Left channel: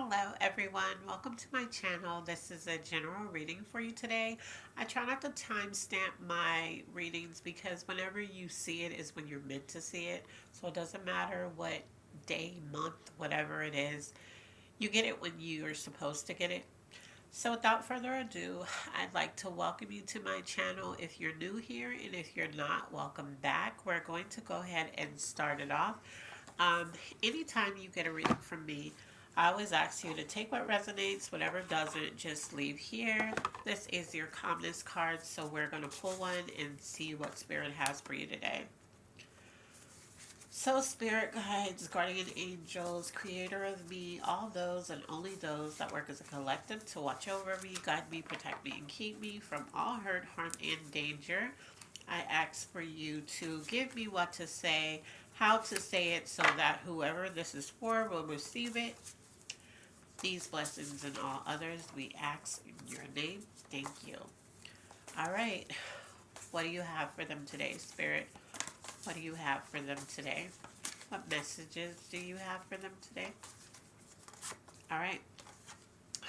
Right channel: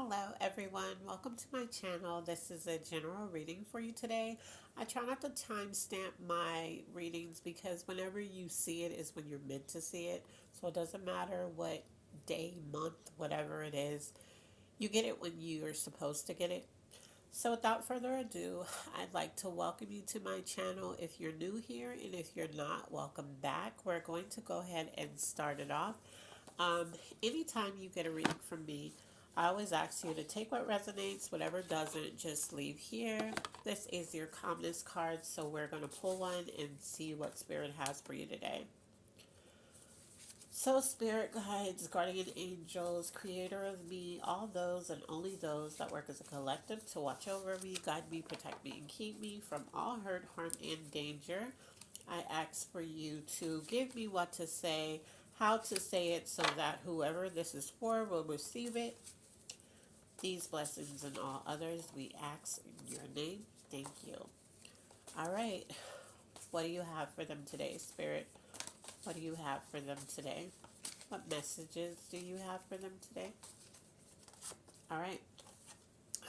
Hello, everyone. Welcome to my channel. This is a general reading for you today. I try not to timestamp my readings because whenever you see it is when you're meant to see it. So it doesn't matter what day, month, whatever it is, you get it when you're supposed to get it. So without further ado, I'd like to welcome you to my channel if you're new here, and if you're not, welcome back. We're going to go ahead and start it off. Um, Anytime you get a reading from me, I always ask you to take what resonates, whatever doesn't, just leave here. This is your calmness card, so we're going to pull one and see what Spirit has for you today. So, Spirit guides, guardian angels, creator of me, all those and only those that work as a collective to watch over me, guide me, protect me, and keep me from all hurt, harm, and danger. I ask for you to give me what to say, how to say it, so that whoever this is for will receive it. These blessings and all others we ask in your name. Thank you. All right. What do you have for them today, Spirit? What do you have for them today? What messages do you have for them today? All right.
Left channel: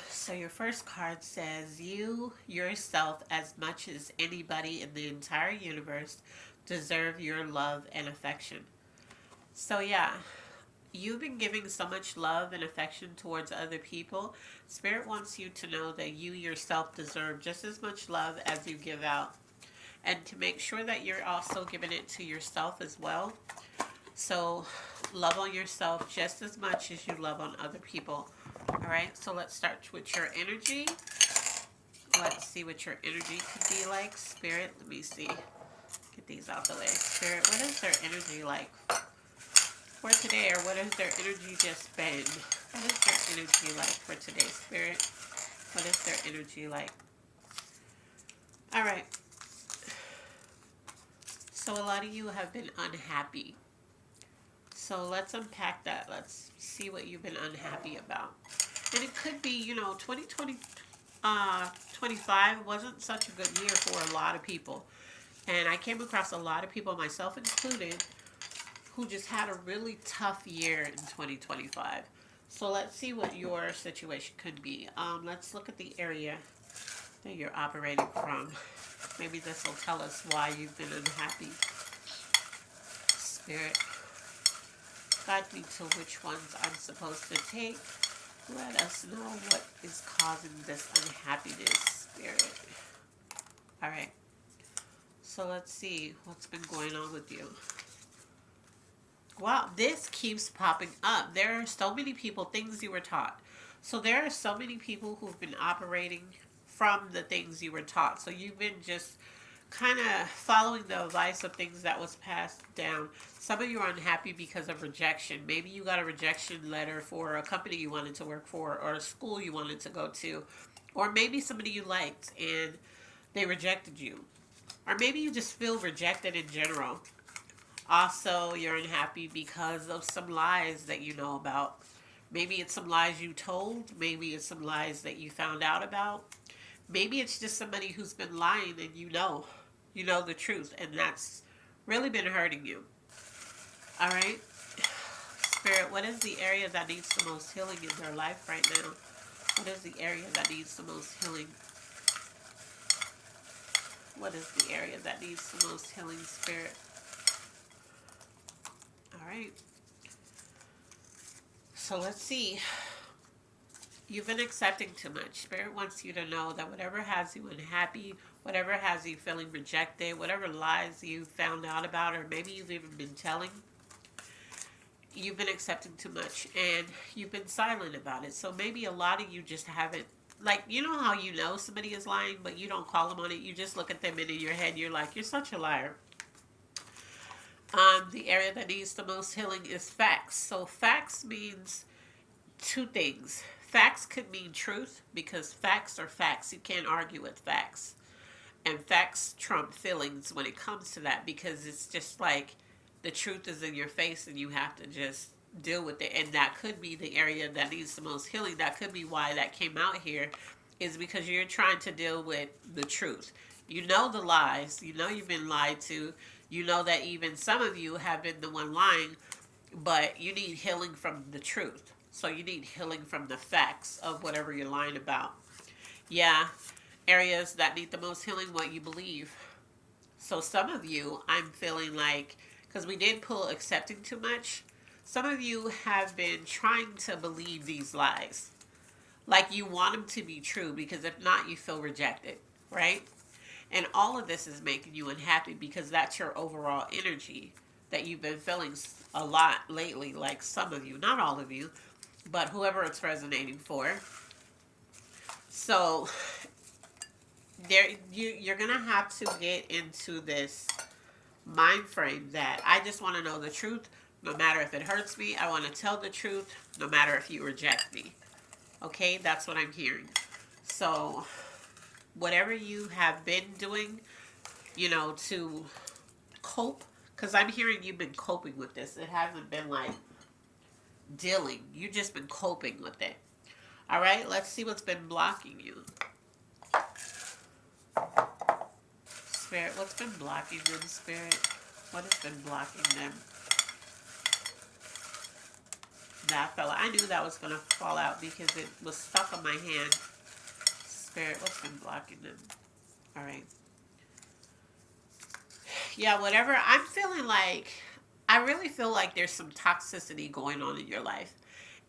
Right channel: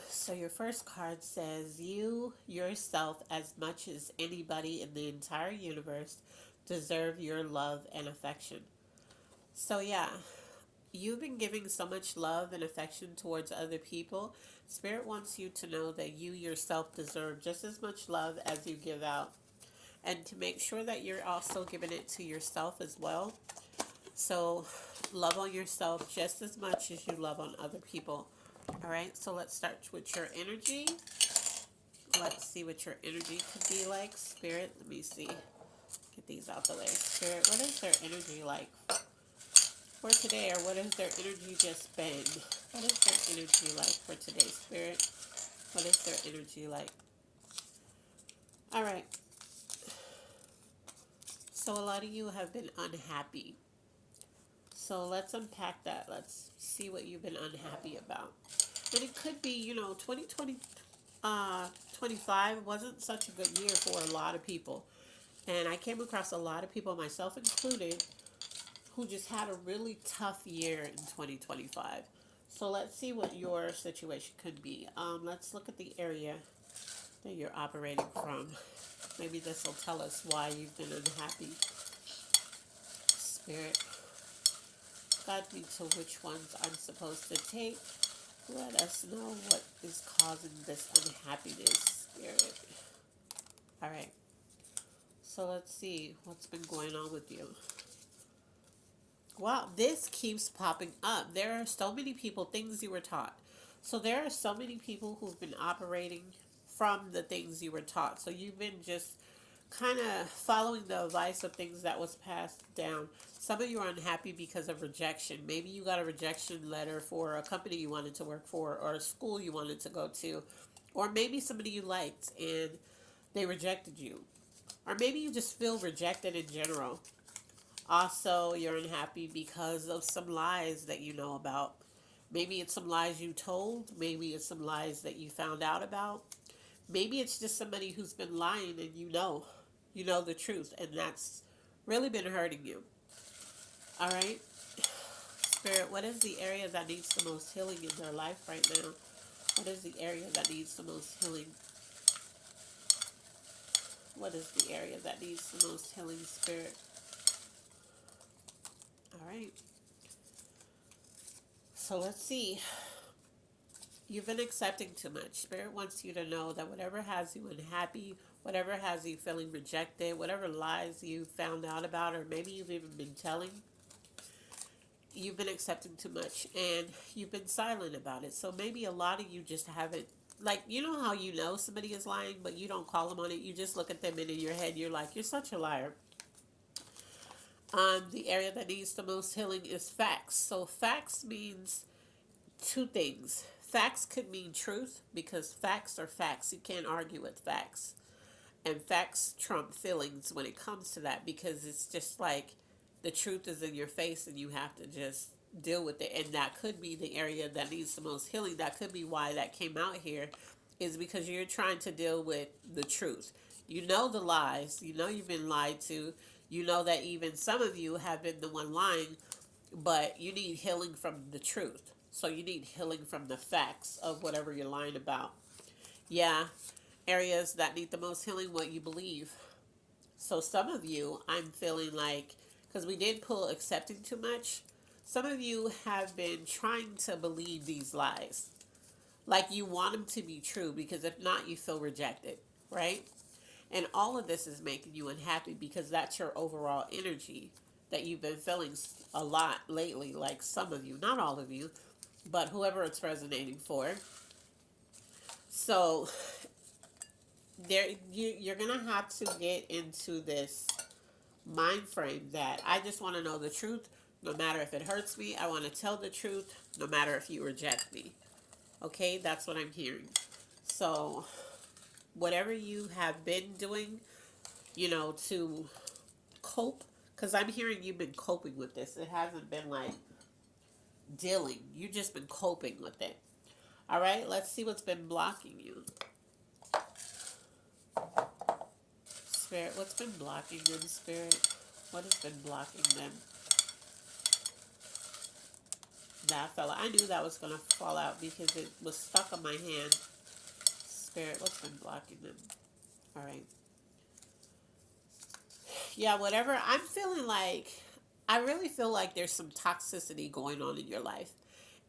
So your first card says, you yourself, as much as anybody in the entire universe, deserve your love and affection. So yeah, you've been giving so much love and affection towards other people. Spirit wants you to know that you yourself deserve just as much love as you give out, and to make sure that you're also giving it to yourself as well. So love on yourself just as much as you love on other people. All right, so let's start with your energy. Let's see what your energy could be like. Spirit, let me see. Get these out the way. Spirit, what is their energy like for today, or what has their energy just been? What is their energy like for today, Spirit? What is their energy like? All right. So a lot of you have been unhappy. So let's unpack that. Let's see what you've been unhappy about. And it could be, 2020, 25 wasn't such a good year for a lot of people. And I came across a lot of people, myself included, who just had a really tough year in 2025. So let's see what your situation could be. Let's look at the area that you're operating from. Maybe this will tell us why you've been unhappy. Spirit, guide me to which ones I'm supposed to take. Let us know what is causing this unhappiness, Spirit. All right. So let's see what's been going on with you. Wow, this keeps popping up. There are so many people, things you were taught. So there are so many people who've been operating from the things you were taught. So you've been just kind of following the advice of things that was passed down. Some of you are unhappy because of rejection. Maybe you got a rejection letter for a company you wanted to work for, or a school you wanted to go to, or maybe somebody you liked and they rejected you, or maybe you just feel rejected in general. Also, you're unhappy because of some lies that you know about. Maybe it's some lies you told. Maybe it's some lies that you found out about. Maybe it's just somebody who's been lying and you know. You know the truth, and that's really been hurting you. All right? Spirit, what is the area that needs the most healing in their life right now? What is the area that needs the most healing? What is the area that needs the most healing, Spirit? All right. So let's see. You've been accepting too much. Spirit wants you to know that whatever has you unhappy, whatever has you feeling rejected, whatever lies you found out about, or maybe you've even been telling, you've been accepting too much and you've been silent about it. So maybe a lot of you just haven't, like, you know how you know somebody is lying, but you don't call them on it. You just look at them and in your head, you're like, you're such a liar. The area that needs the most healing is facts. So facts means two things. Facts could mean truth, because facts are facts. You can't argue with facts. And facts trump feelings when it comes to that, because it's just like the truth is in your face and you have to just deal with it. And that could be the area that needs the most healing. That could be why that came out here, is because you're trying to deal with the truth. You know the lies. You know you've been lied to. You know that even some of you have been the one lying, but you need healing from the truth. So you need healing from the facts of whatever you're lying about. Yeah, areas that need the most healing, what you believe. So some of you, I'm feeling like, because we did pull accepting too much, some of you have been trying to believe these lies. Like you want them to be true because if not, you feel rejected, right? And all of this is making you unhappy because that's your overall energy that you've been feeling a lot lately. Like some of you, not all of you, but whoever it's resonating for. So there, you're gonna have to get into this mind frame that I just want to know the truth. No matter if it hurts me, I want to tell the truth. No matter if you reject me. Okay, that's what I'm hearing. So whatever you have been doing, to cope, because I'm hearing you've been coping with this. It hasn't been like dealing. You've just been coping with it. All right, let's see what's been blocking you. Spirit, what's been blocking them, Spirit? What has been blocking them? That fella. I knew that was going to fall out because it was stuck on my hand. Spirit, what's been blocking them? All right. Yeah, whatever. I'm feeling like, I really feel like there's some toxicity going on in your life.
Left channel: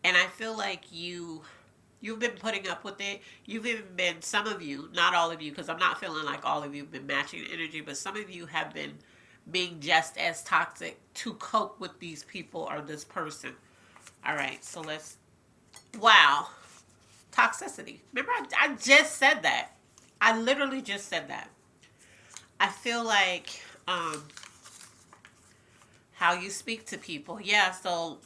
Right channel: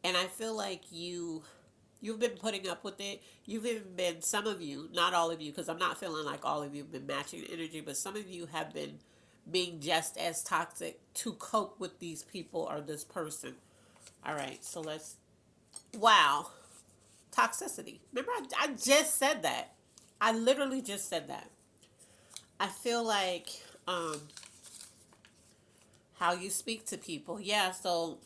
And I feel like you've been putting up with it. You've even been, some of you, not all of you, because I'm not feeling like all of you have been matching energy, but some of you have been being just as toxic to cope with these people or this person. All right, so let's, wow, toxicity. Remember, I just said that. I literally just said that. I feel like how you speak to people. Yeah, so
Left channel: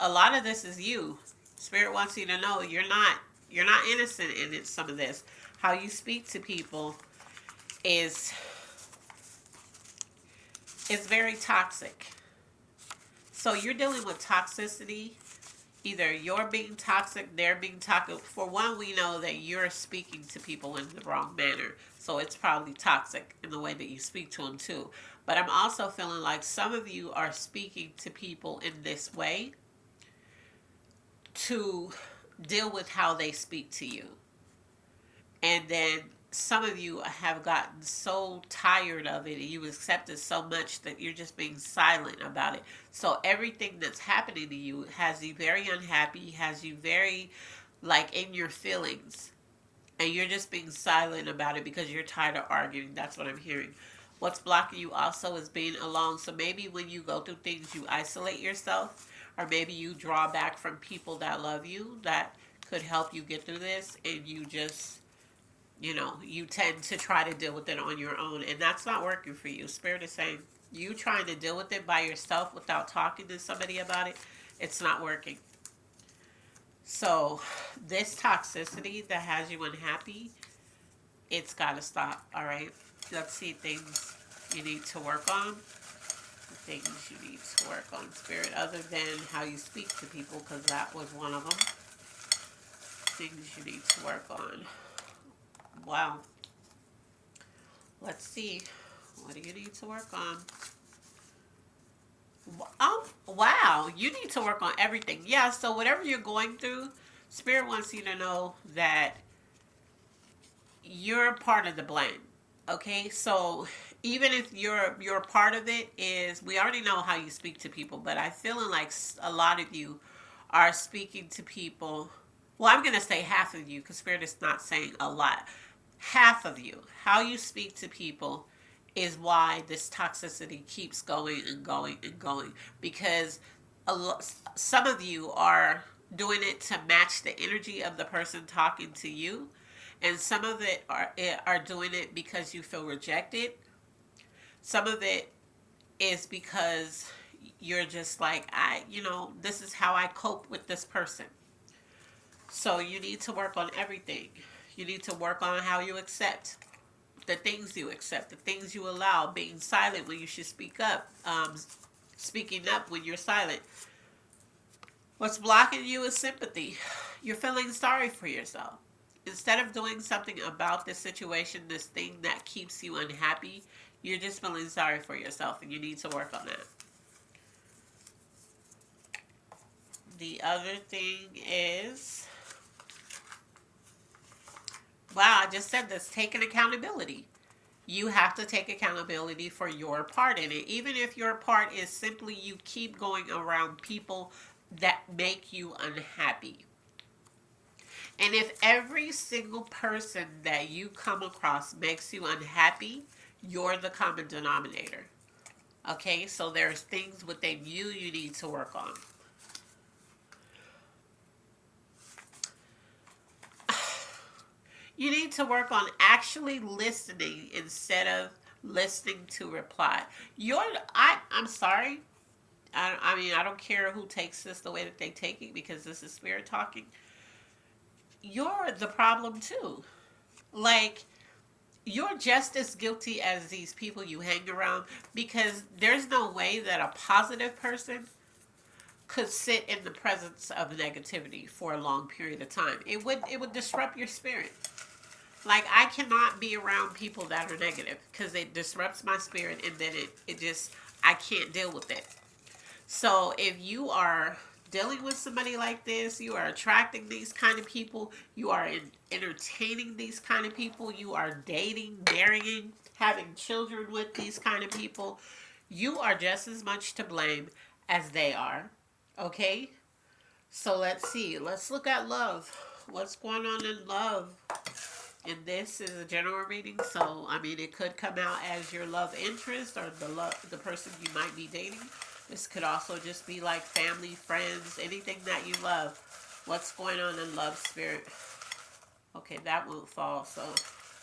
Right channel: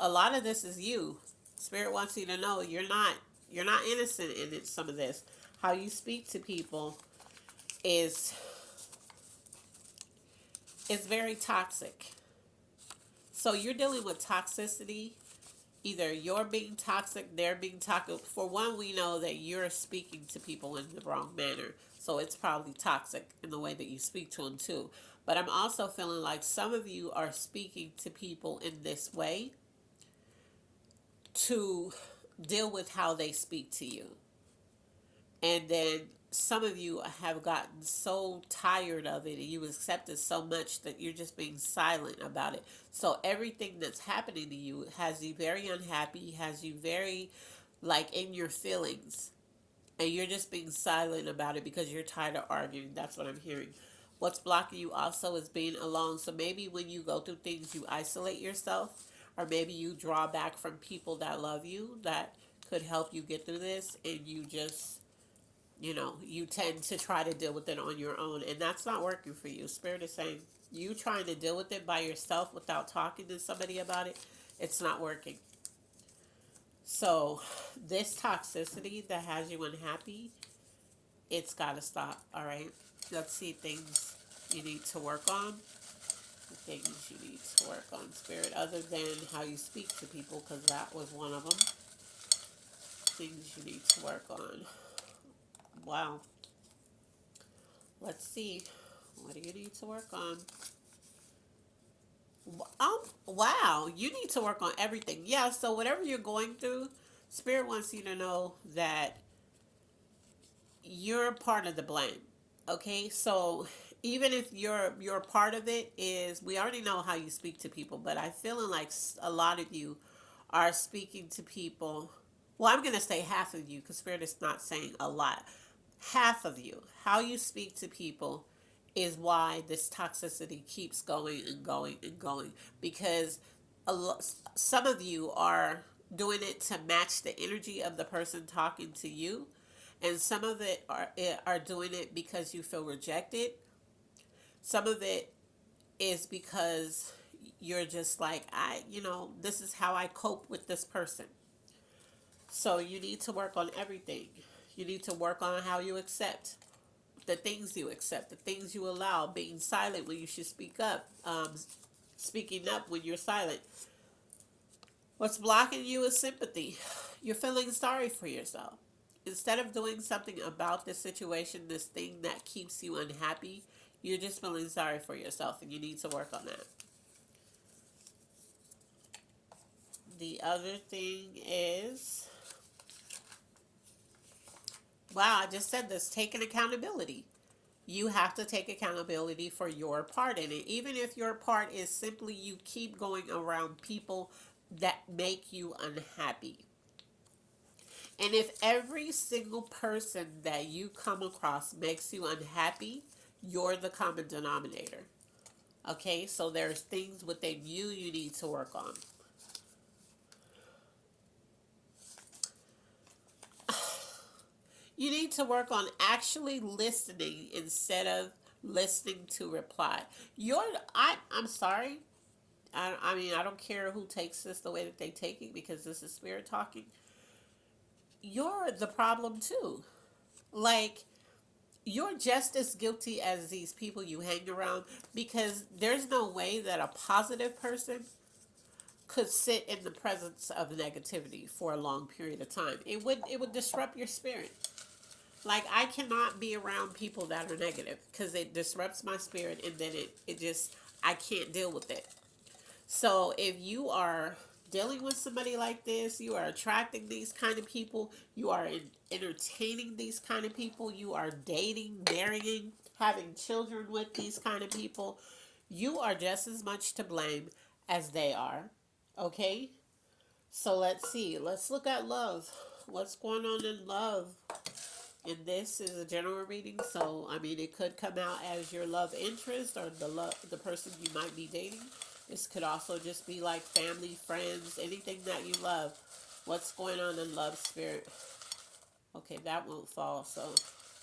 a lot of this is you. Spirit wants you to know you're not innocent in it, some of this. How you speak to people is very toxic. So you're dealing with toxicity. Either you're being toxic, they're being toxic. For one, we know that you're speaking to people in the wrong manner. So it's probably toxic in the way that you speak to them too. But I'm also feeling like some of you are speaking to people in this way to deal with how they speak to you. And then some of you have gotten so tired of it and you accept it so much that you're just being silent about it. So everything that's happening to you has you very unhappy, has you very like in your feelings. And you're just being silent about it because you're tired of arguing. That's what I'm hearing. What's blocking you also is being alone. So maybe when you go through things, you isolate yourself, or maybe you draw back from people that love you, that could help you get through this, and you just, you tend to try to deal with it on your own, and that's not working for you. Spirit is saying you trying to deal with it by yourself without talking to somebody about it, it's not working. So this toxicity that has you unhappy, it's got to stop, all right? Let's see things you need to work on. Things you need to work on, Spirit, other than how you speak to people, because that was one of them. Things you need to work on. Wow. Let's see. What do you need to work on? Oh, wow. You need to work on everything. Yeah, so whatever you're going through, Spirit wants you to know that you're part of the blame. Okay? So even if you're part of it, is we already know how you speak to people, but I'm feeling like a lot of you are speaking to people. Well, I'm going to say half of you because Spirit is not saying a lot. Half of you, how you speak to people is why this toxicity keeps going and going and going, because some of you are doing it to match the energy of the person talking to you, and some of it are doing it because you feel rejected. Some of it is because you're just like, this is how I cope with this person. So you need to work on everything. You need to work on how you accept the things you accept, the things you allow, being silent when you should speak up, speaking up when you're silent. What's blocking you is sympathy. You're feeling sorry for yourself. Instead of doing something about this situation, this thing that keeps you unhappy, you're just feeling sorry for yourself, and you need to work on that. The other thing is, wow, I just said this, taking accountability. You have to take accountability for your part in it. Even if your part is simply you keep going around people that make you unhappy. And if every single person that you come across makes you unhappy, you're the common denominator. Okay, so there's things within you need to work on. You need to work on actually listening instead of listening to reply. I'm sorry. I mean, I don't care who takes this the way that they take it because this is spirit talking. You're the problem too. Like, you're just as guilty as these people you hang around because there's no way that a positive person could sit in the presence of negativity for a long period of time. It would disrupt your spirit. Like, I cannot be around people that are negative because it disrupts my spirit, and then it just, I can't deal with it. So if you are dealing with somebody like this, you are attracting these kind of people, you are entertaining these kind of people, you are dating, marrying, having children with these kind of people, you are just as much to blame as they are. Okay? So let's see. Let's look at love. What's going on in love? And this is a general reading, so I mean it could come out as your love interest or the person you might be dating. This could also just be like family, friends, anything that you love. What's going on in love, spirit? Okay, that won't fall. So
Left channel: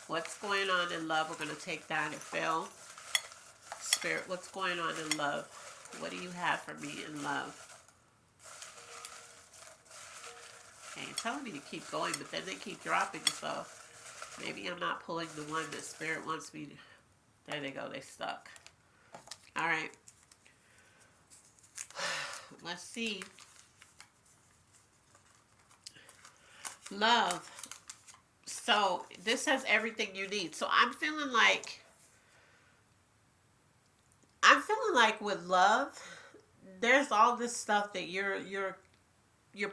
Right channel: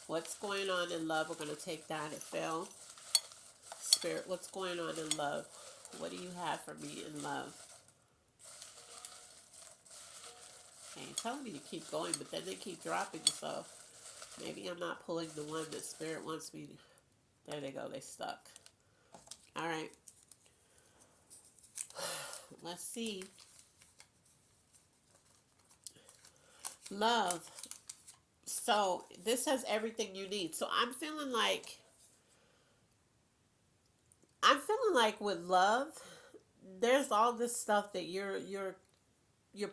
what's going on in love? We're going to take that. It fell. Spirit, what's going on in love? What do you have for me in love? Okay, telling me to keep going, but then they keep dropping, so maybe I'm not pulling the one that spirit wants me to. There they go. They stuck. All right. Let's see. Love. So this has everything you need. So I'm feeling like with love, there's all this stuff that you're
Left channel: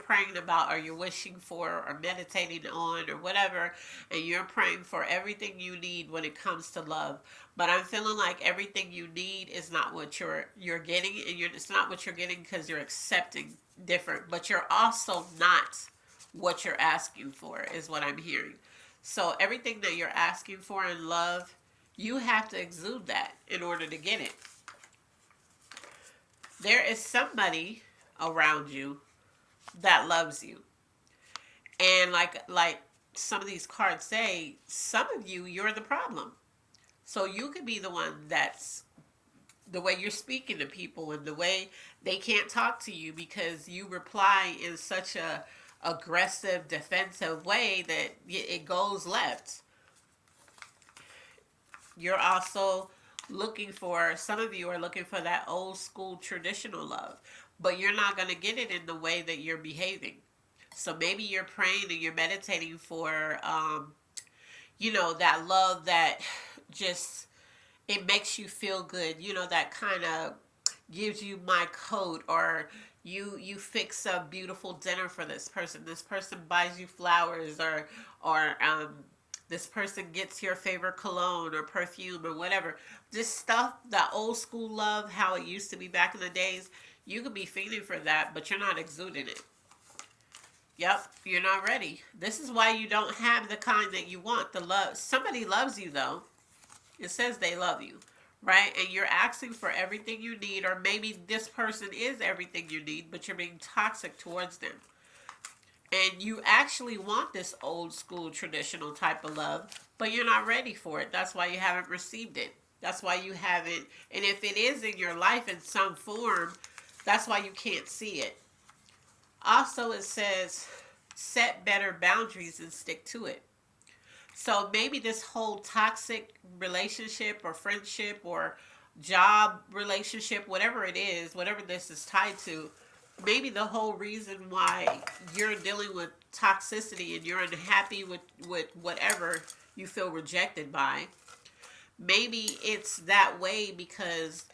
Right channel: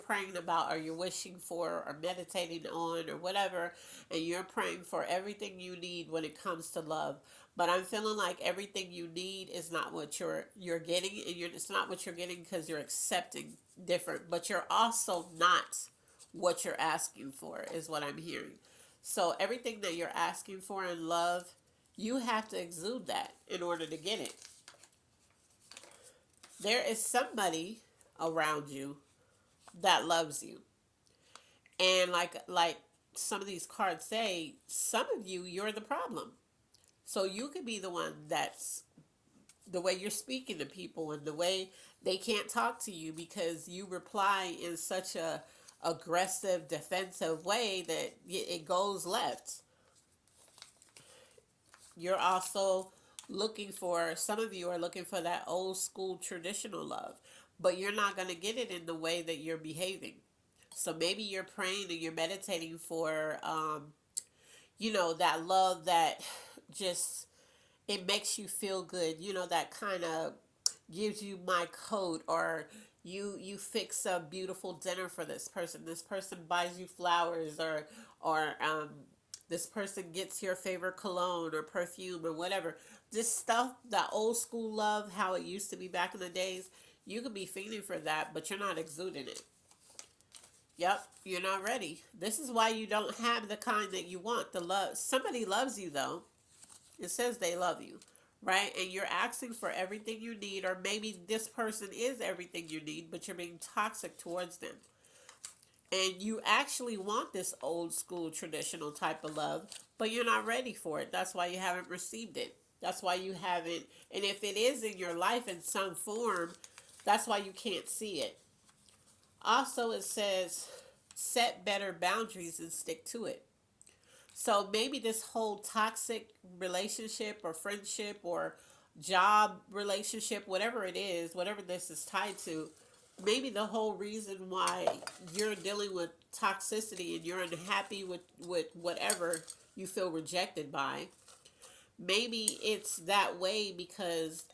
praying about or you're wishing for or meditating on or whatever, and you're praying for everything you need when it comes to love. But I'm feeling like everything you need is not what you're getting, and it's not what you're getting because you're accepting different, but you're also not what you're asking for is what I'm hearing. So everything that you're asking for in love, you have to exude that in order to get it. There is somebody around you that loves you. And like some of these cards say, some of you're the problem. So you could be the one that's the way you're speaking to people and the way they can't talk to you because you reply in such a aggressive, defensive way that it goes left. You're also some of you are looking for that old school traditional love, but you're not going to get it in the way that you're behaving. So maybe you're praying and you're meditating for, that love that just, it makes you feel good. That kind of gives you my coat, or you fix a beautiful dinner for this person. This person buys you flowers, or this person gets your favorite cologne or perfume or whatever. This stuff, that old school love, how it used to be back in the days, you could be feeling for that, but you're not exuding it. Yep, you're not ready. This is why you don't have the kind that you want. The love, somebody loves you though. It says they love you, right? And you're asking for everything you need, or maybe this person is everything you need, but you're being toxic towards them. And you actually want this old school traditional type of love, but you're not ready for it. That's why you haven't received it. That's why you haven't. And if it is in your life in some form, that's why you can't see it. Also, it says set better boundaries and stick to it. So maybe this whole toxic relationship or friendship or job relationship, whatever it is, whatever this is tied to, maybe the whole reason why you're dealing with toxicity and you're unhappy with whatever you feel rejected by, maybe it's that way because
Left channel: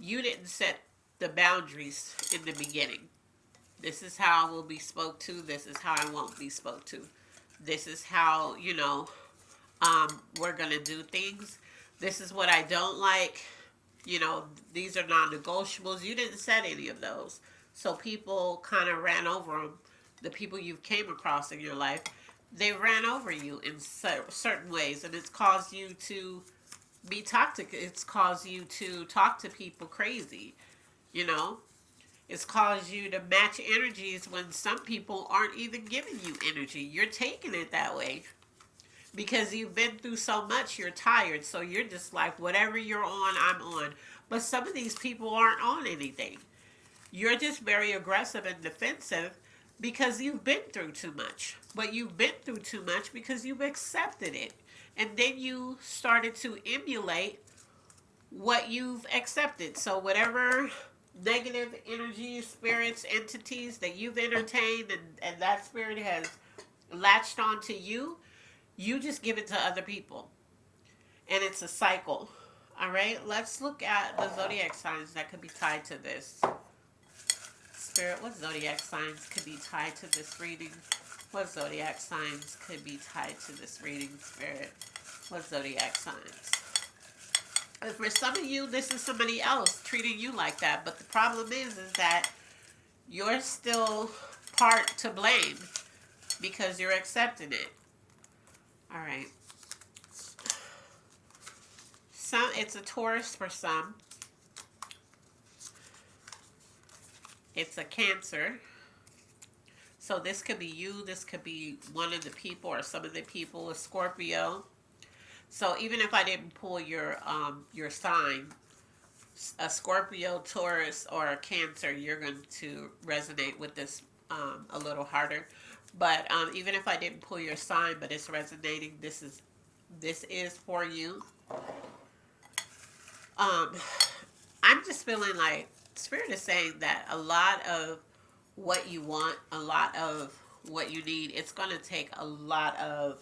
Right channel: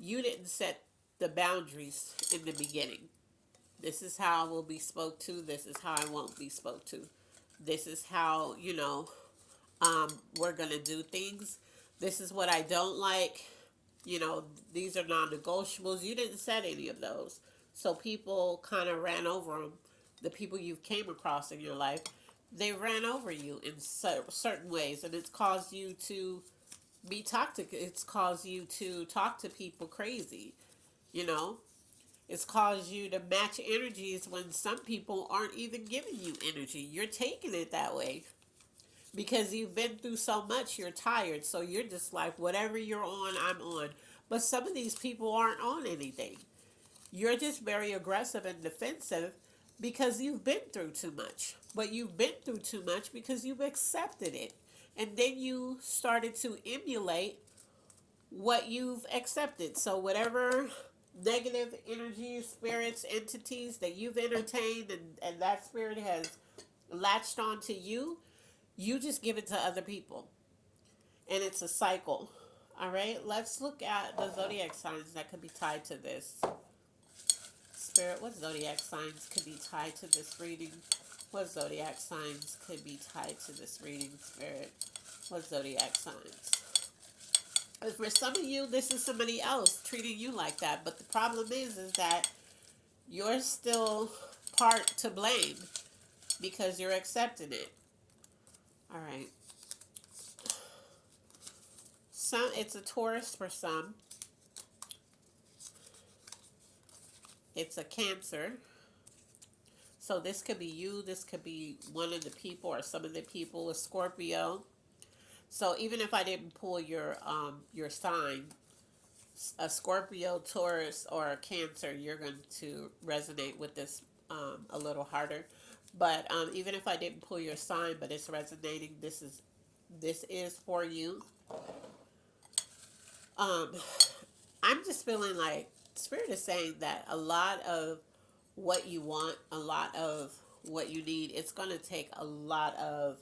you didn't set the boundaries in the beginning. This is how I will be spoke to. This is how I won't be spoke to. This is how, we're going to do things. This is what I don't like. You know, these are non negotiables. You didn't set any of those. So people kind of ran over them. The people you came across in your life, they ran over you in certain ways, and it's caused you to be toxic. It's caused you to talk to people crazy. You know, it's caused you to match energies when some people aren't even giving you energy. You're taking it that way because you've been through so much, you're tired. So you're just like, whatever you're on, I'm on. But some of these people aren't on anything. You're just very aggressive and defensive because you've been through too much. But you've been through too much because you've accepted it. And then you started to emulate what you've accepted. So whatever negative energies, spirits, entities that you've entertained, and that spirit has latched onto you, you just give it to other people. And it's a cycle. All right, let's look at the zodiac signs that could be tied to this. Spirit, what zodiac signs could be tied to this reading? What zodiac signs could be tied to this reading, Spirit? What zodiac signs? And for some of you, this is somebody else treating you like that. But the problem is that you're still part to blame because you're accepting it. All right. It's a Taurus for some. It's a Cancer. So this could be you. This could be one of the people or some of the people. A Scorpio. So even if I didn't pull your sign, a Scorpio, Taurus, or a Cancer, you're going to resonate with this a little harder. But even if I didn't pull your sign, but it's resonating, this is for you. I'm just feeling like Spirit is saying that a lot of what you want, a lot of what you need, it's going to take a lot of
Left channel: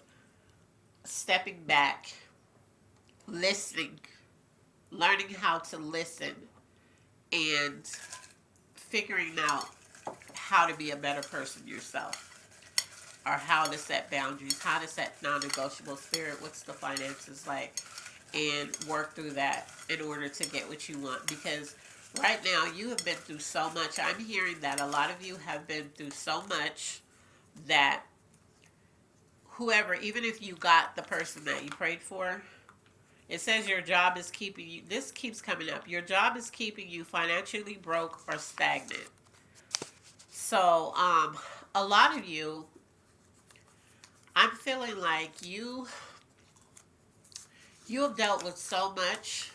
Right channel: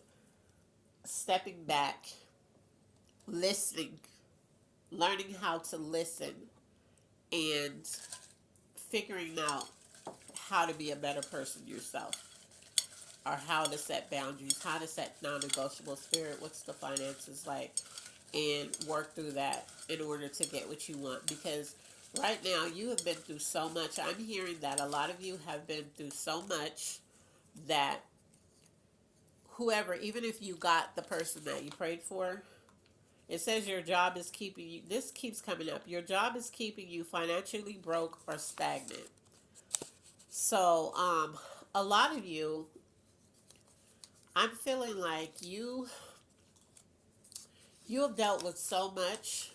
stepping back, listening, learning how to listen, and figuring out how to be a better person yourself, or how to set boundaries, how to set non-negotiable. Spirit, what's the finances like, and work through that in order to get what you want. Because right now you have been through so much. I'm hearing that a lot of you have been through so much that whoever, even if you got the person that you prayed for, it says your job is keeping you, this keeps coming up, your job is keeping you financially broke or stagnant. So a lot of you, I'm feeling like you have dealt with so much.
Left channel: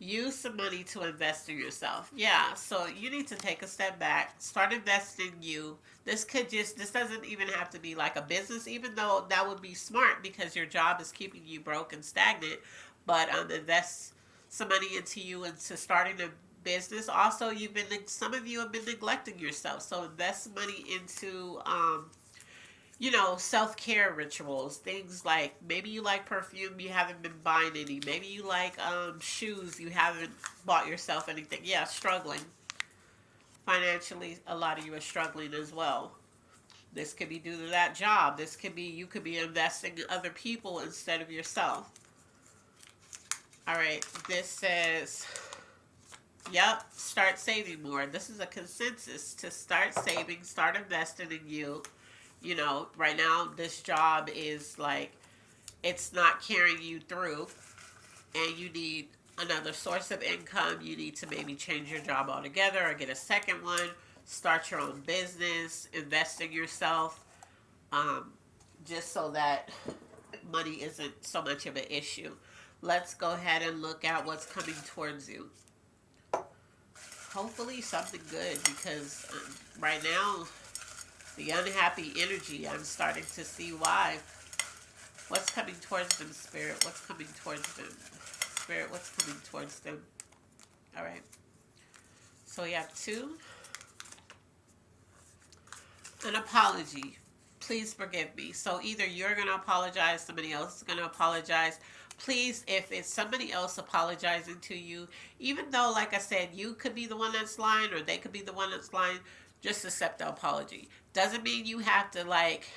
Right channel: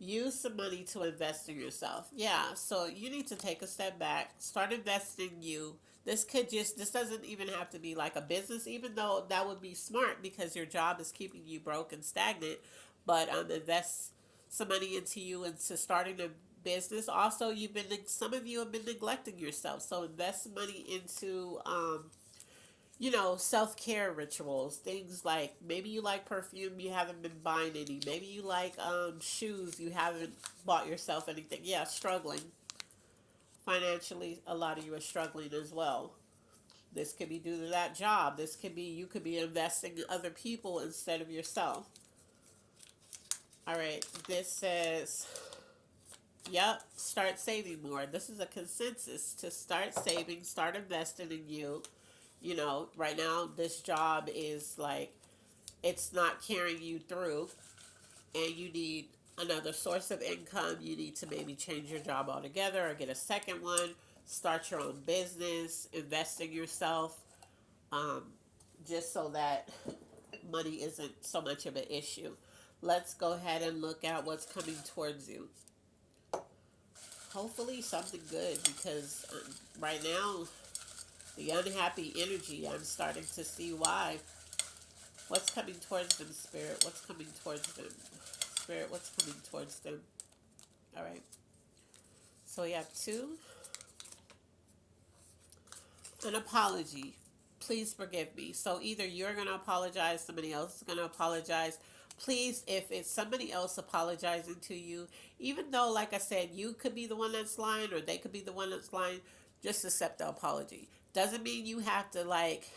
Use some money to invest in yourself. Yeah, so you need to take a step back, start investing in you. This doesn't even have to be like a business, even though that would be smart because your job is keeping you broke and stagnant. But invest some money into you, into starting a business. Also, some of you have been neglecting yourself, so invest money into self-care rituals, things like maybe you like perfume, you haven't been buying any. Maybe you like shoes, you haven't bought yourself anything. Yeah, struggling. Financially, a lot of you are struggling as well. This could be due to that job. You could be investing in other people instead of yourself. All right, this says, yep, start saving more. This is a consensus to start saving, start investing in you. Right now, this job is like, it's not carrying you through, and you need another source of income. You need to maybe change your job altogether or get a second one, start your own business, invest in yourself, just so that money isn't so much of an issue. Let's go ahead and look at what's coming towards you. Hopefully something good, because right now, the unhappy energy, I'm starting to see why. What's coming towards them, Spirit? What's coming towards them? Spirit, what's coming towards them? All right. So we have 2. An apology. Please forgive me. So either you're going to apologize, somebody else is going to apologize. Please, if it's somebody else apologizing to you, even though, like I said, you could be the one that's lying or they could be the one that's lying, Just accept the apology. Doesn't mean you have to like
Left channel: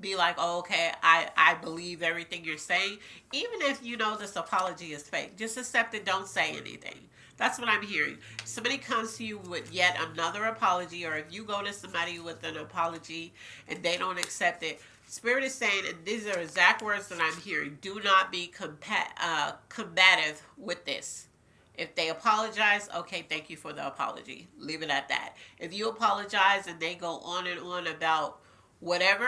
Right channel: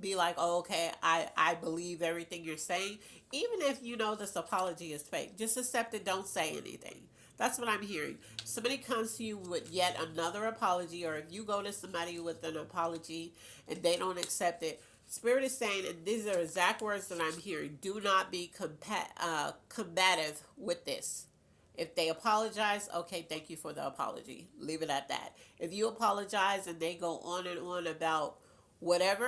be like, oh, okay, I believe everything you're saying. Even if you know this apology is fake, just accept it. Don't say anything. That's what I'm hearing. Somebody comes to you with yet another apology, or if you go to somebody with an apology and they don't accept it, Spirit is saying, and these are exact words that I'm hearing, do not be combative with this. If they apologize, okay, thank you for the apology. Leave it at that. If you apologize and they go on and on about whatever,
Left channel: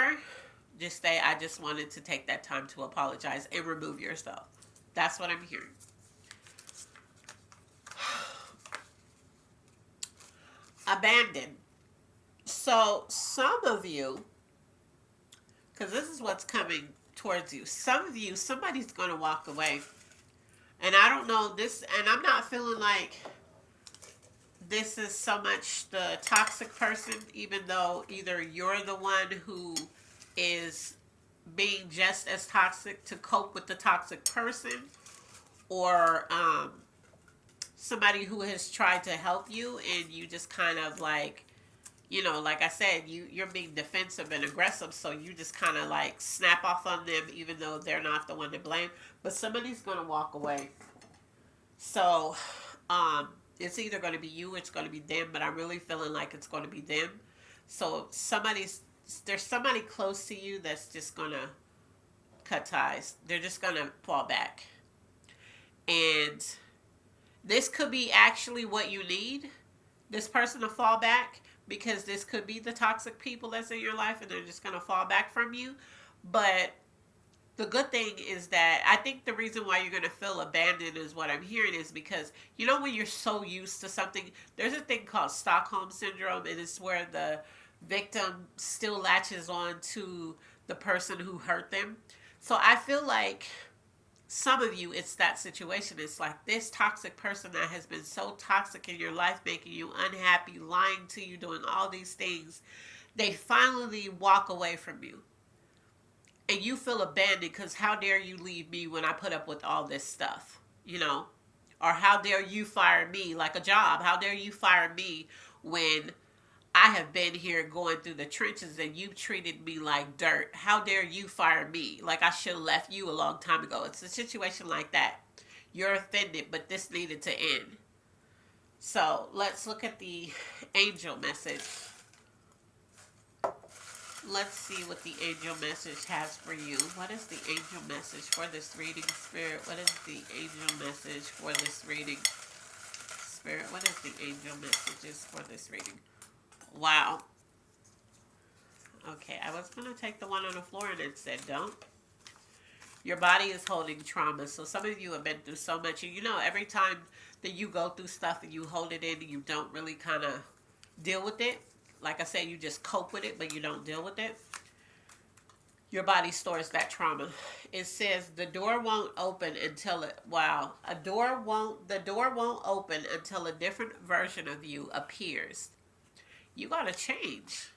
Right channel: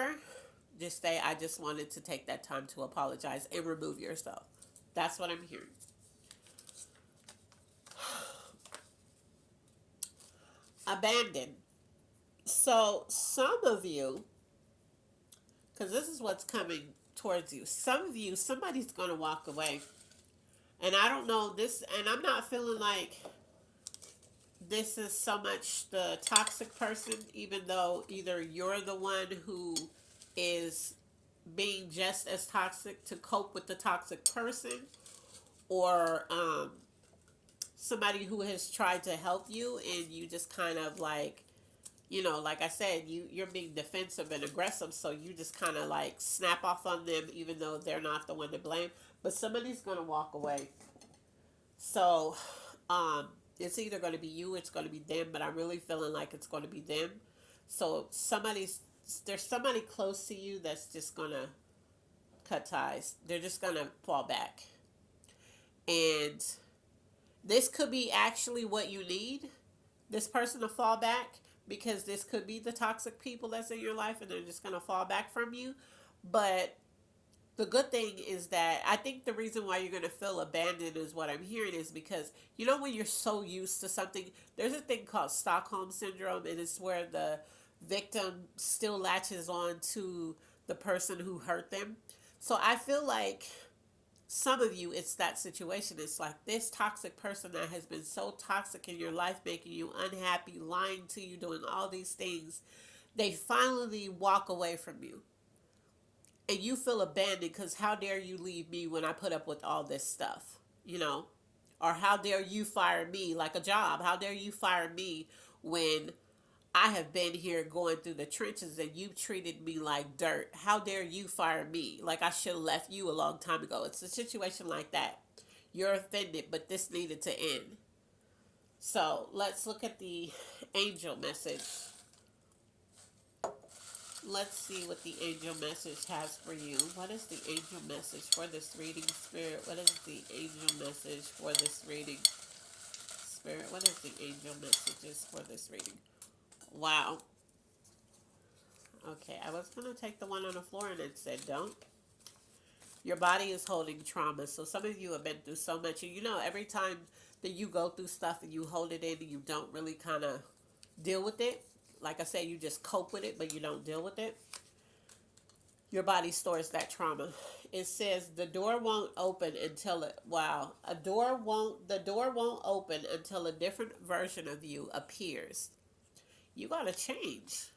just say, I just wanted to take that time to apologize and remove yourself. That's what I'm hearing. Abandon. So, some of you, because this is what's coming towards you, some of you, somebody's going to walk away. And I don't know this, and I'm not feeling like this is so much the toxic person, even though either you're the one who is being just as toxic to cope with the toxic person, or somebody who has tried to help you and you just kind of like, like I said, you're being defensive and aggressive, so you just kind of like snap off on them even though they're not the one to blame. But somebody's going to walk away. So it's either going to be you, it's going to be them, but I'm really feeling like it's going to be them. So there's somebody close to you that's just going to cut ties. They're just going to fall back. And this could be actually what you need, this person to fall back, because this could be the toxic people that's in your life and they're just going to fall back from you. But the good thing is that I think the reason why you're going to feel abandoned is what I'm hearing is because, when you're so used to something, there's a thing called Stockholm Syndrome, and it's where the victim still latches on to the person who hurt them. So I feel like some of you, it's that situation. It's like this toxic person that has been so toxic in your life, making you unhappy, lying to you, doing all these things. They finally walk away from you. And you feel abandoned because how dare you leave me when I put up with all this stuff, Or how dare you fire me like a job? How dare you fire me when I have been here going through the trenches and you treated me like dirt? How dare you fire me? Like I should have left you a long time ago. It's a situation like that. You're offended, but this needed to end. So let's look at the angel message. Let's see what the angel message has for you. What is the angel message for this reading, Spirit? What is the angel message for this reading? Spirit, what is the angel messages for this reading? Wow. Okay, I was going to take the one on the floor and it said don't. Your body is holding trauma. So some of you have been through so much. And every time that you go through stuff and you hold it in and you don't really kind of deal with it, like I said, you just cope with it, but you don't deal with it. Your body stores that trauma. It says the door won't open until the door won't open until a different version of you appears. You got to change.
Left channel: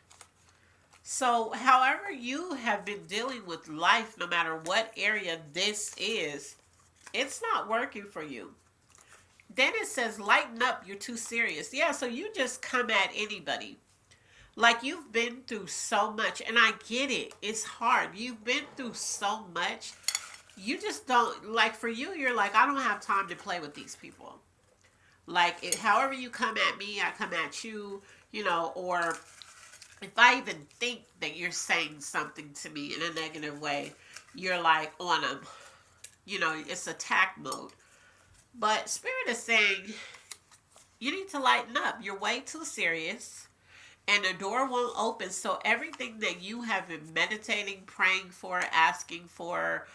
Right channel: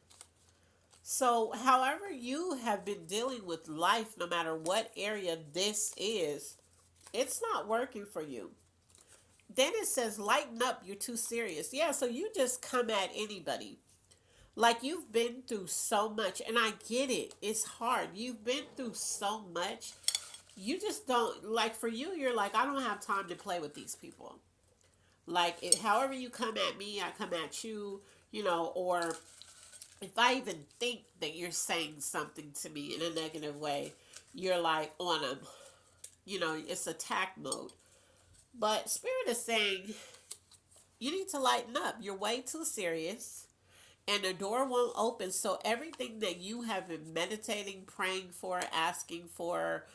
So, however you have been dealing with life, no matter what area this is, it's not working for you. Then it says, lighten up, you're too serious. Yeah, so you just come at anybody. Like you've been through so much, and I get it. It's hard. You've been through so much. You just don't, like for you, you're like, I don't have time to play with these people. Like, however you come at me, I come at you, or if I even think that you're saying something to me in a negative way, you're like on them. It's attack mode. But Spirit is saying, you need to lighten up. You're way too serious. And the door won't open. So everything that you have been meditating, praying for, asking for,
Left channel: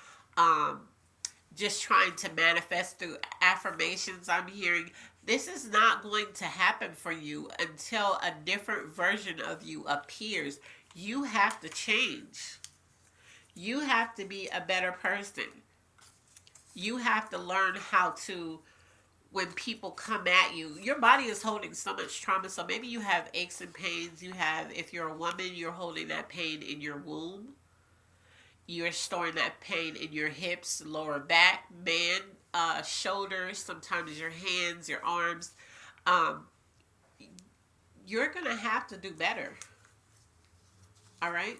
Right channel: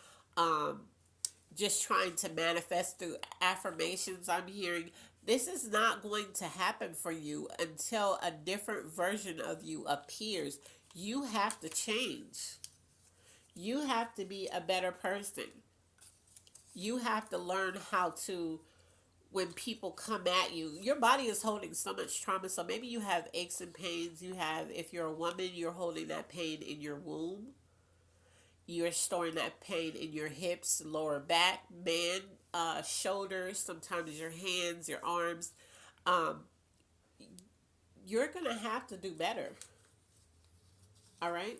just trying to manifest through affirmations, I'm hearing, this is not going to happen for you until a different version of you appears. You have to change. You have to be a better person. You have to learn how to, when people come at you, your body is holding so much trauma. So maybe you have aches and pains. If you're a woman, you're holding that pain in your womb. You're storing that pain in your hips, lower back, shoulders, sometimes your hands, your arms. You're going to have to do better. All right?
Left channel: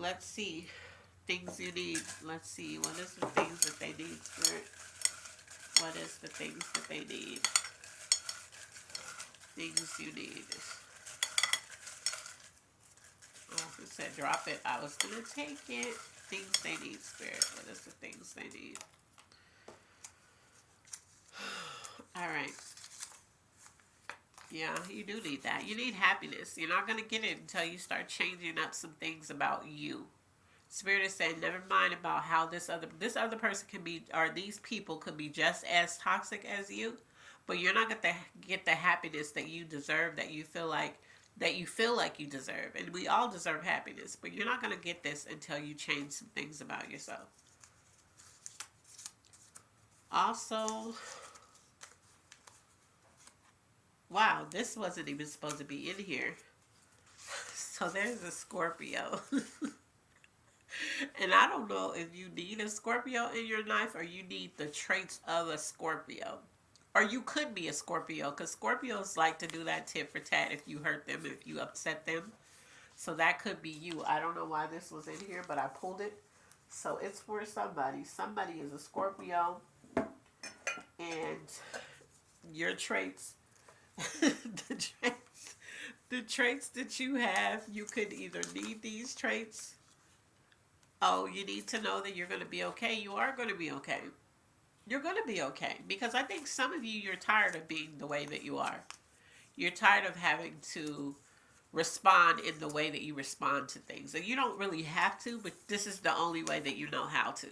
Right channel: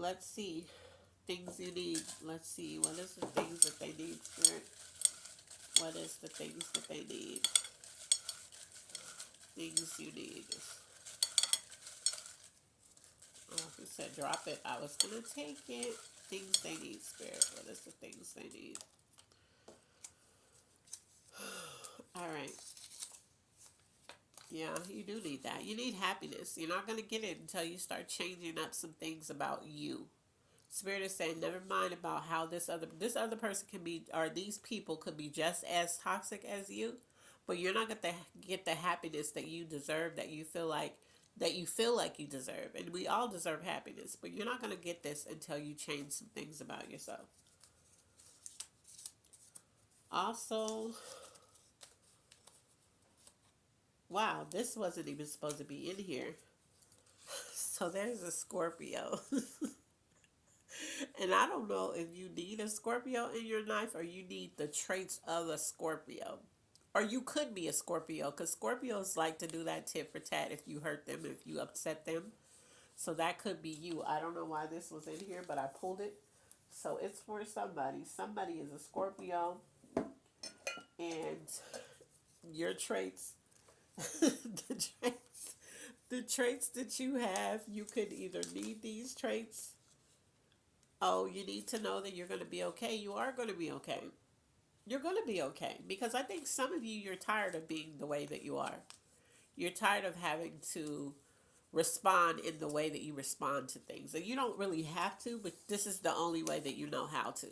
Let's see. Things you need. Let's see. What is the things that they need, Spirit? What is the things that they need? Things you need. Oh, if it said drop it, I was going to take it. Things they need, Spirit. What is the things they need? All right. Yeah, you do need that. You need happiness. You're not going to get it until you start changing up some things about you. Spirit is saying, never mind about how this other person can be, or these people could be just as toxic as you, but you're not going to get the happiness that you deserve, that you feel like you deserve. And we all deserve happiness, but you're not going to get this until you change some things about yourself. Also, wow, this wasn't even supposed to be in here. So there's a Scorpio. And I don't know if you need a Scorpio in your life or you need the traits of a Scorpio. Or you could be a Scorpio, because Scorpios like to do that tit for tat if you hurt them, if you upset them. So that could be you. I don't know why this was in here, but I pulled it. So it's for somebody. Somebody is a Scorpio. And your traits, the traits that you have, you could either need these traits. Oh, you need to know that you're going to be okay. You are going to be okay. You're going to be okay. Because I think some of you, you're tired of being the way that you are. You're tired of having to respond in the way that you respond to things. And you don't really have to, but this is the only way that you know how to.